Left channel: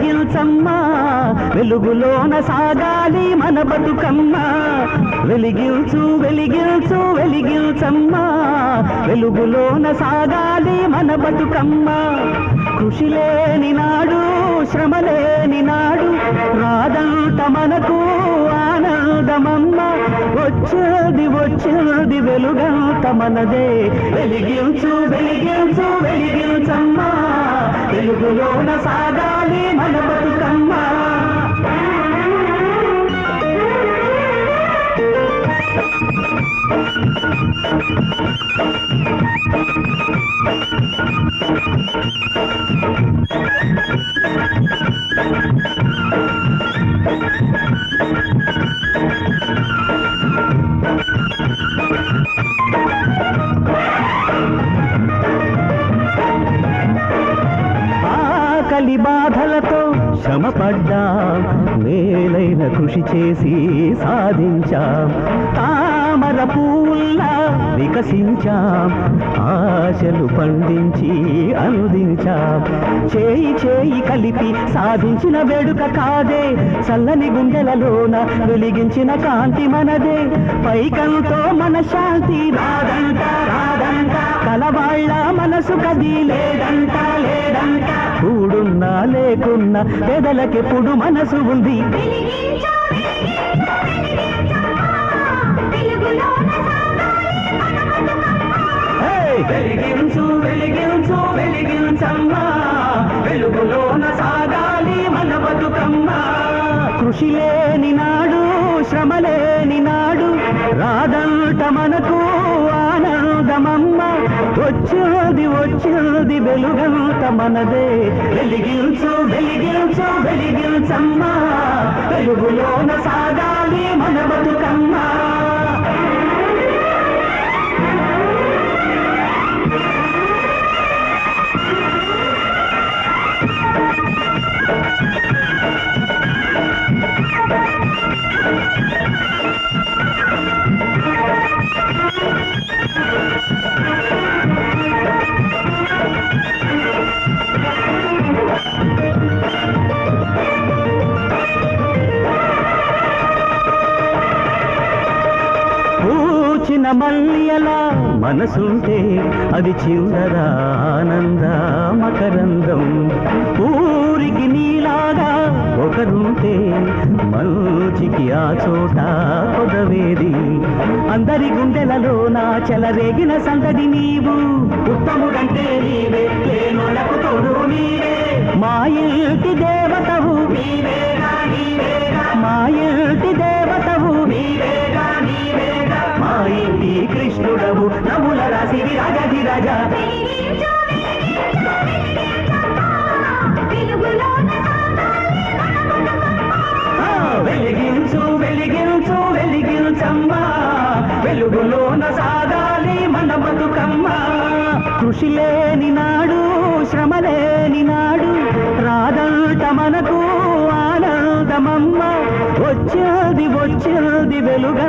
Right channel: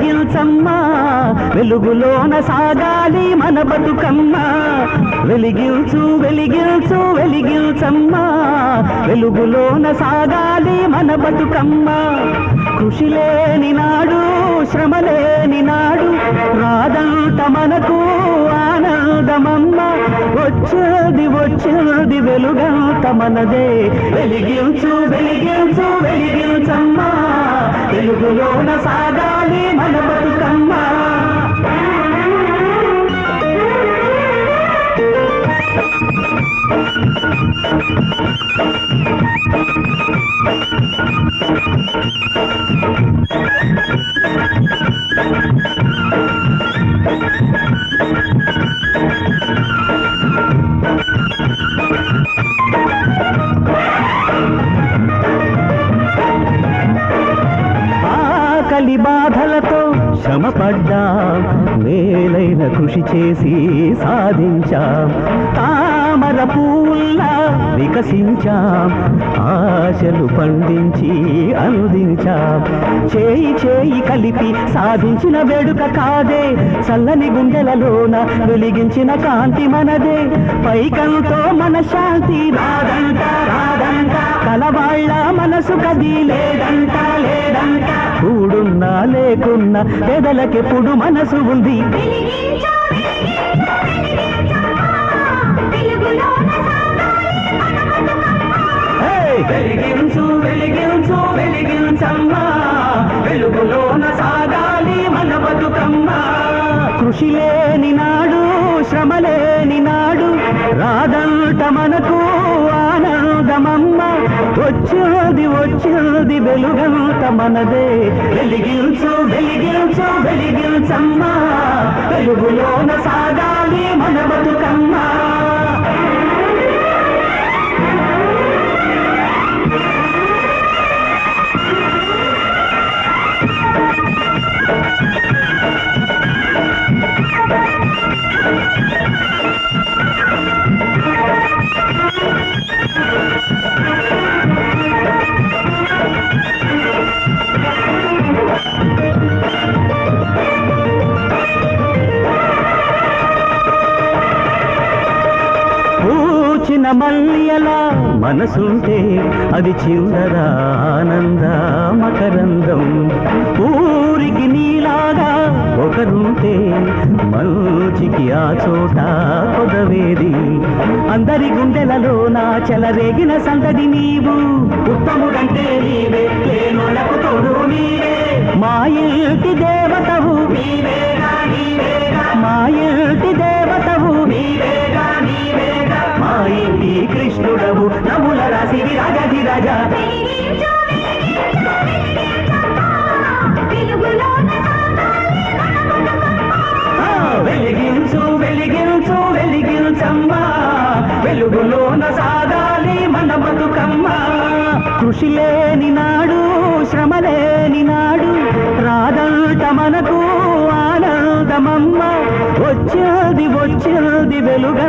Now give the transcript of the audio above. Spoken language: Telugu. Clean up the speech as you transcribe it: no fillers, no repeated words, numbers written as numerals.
వెలిగించమ్మ వెలుగులోన సాగాలి మన బతుకమ్మ వెలిగించు వెలిగించు వెలిగించమ్మ వెలుగులోన సాగాలి మన బతుకమ్మ కృషి లేని నాడు శ్రమ లేని నాడు రాదంట మనకు ఆనందమమ్మ వచ్చేది వచ్చేది వెలుగంత మనదే వెలిగించు వెలిగించు వెలిగించమ్మ వెలుగులోన సాగాలి మన బతుకమ్మ ఆకలి బాధలతో శ్రమపడ్డా మేలైన కృషి చేసి సాధించాం తామర పూల్లా వికసించాం ఆశలు పండించి అందించాం చేయి చేయి కలిపి సాధించిన వేడుక కాదే చల్లని గుండెలలోన వెలిగించిన కాంతి మనదే పైకంతో మన శాంతి రాదంట రాదంట కలవాళ్ళ మనసు కది లేదంట లేదంట కూడున్నా లేకున్నా పేదలకెప్పుడు మనసు ఉంది వెలిగించు వెలిగించు వెలిగించమ్మ వెలుగులోన సాగాలి మన బతుకమ్మ కృషి లేని నాడు శ్రమ లేని నాడు రాదంట మనకు ఆనందమమ్మ వచ్చేది వచ్చేది వెలుగంత మనదే వెలిగించు వెలిగించు వెలిగించమ్మ వెలుగులోన సాగాలి మన బతుకమ్మ పూచిన మల్లియలా మనసుంటే అది చిందర ఆనంద మకరందం ఊరికి నీలాగా ఒకరుంటే మంచికి ఆ చోట పొదవేది అందరి గుండెలలో నా చెలరేగిన సందడి నీవు ఉత్తముడంటే నీవే లేనోళ్ళకు తోడు నీవే మా ఇంటి దేవతవు నీవేగా నీవేగా మా ఇంటి దేవతవు నీవేగా నీవేగా మా ఇంటి కృష్ణుడవు నముల రాసి రాజాది రాజా వెలిగించు వెలిగించు వెలిగించమ్మ వెలుగులోన సాగాలి మన బతుకమ్మ కృషి లేని నాడు శ్రమ లేని నాడు రాదంట మనకు ఆనందమమ్మ వచ్చేది వచ్చేది వెలుగ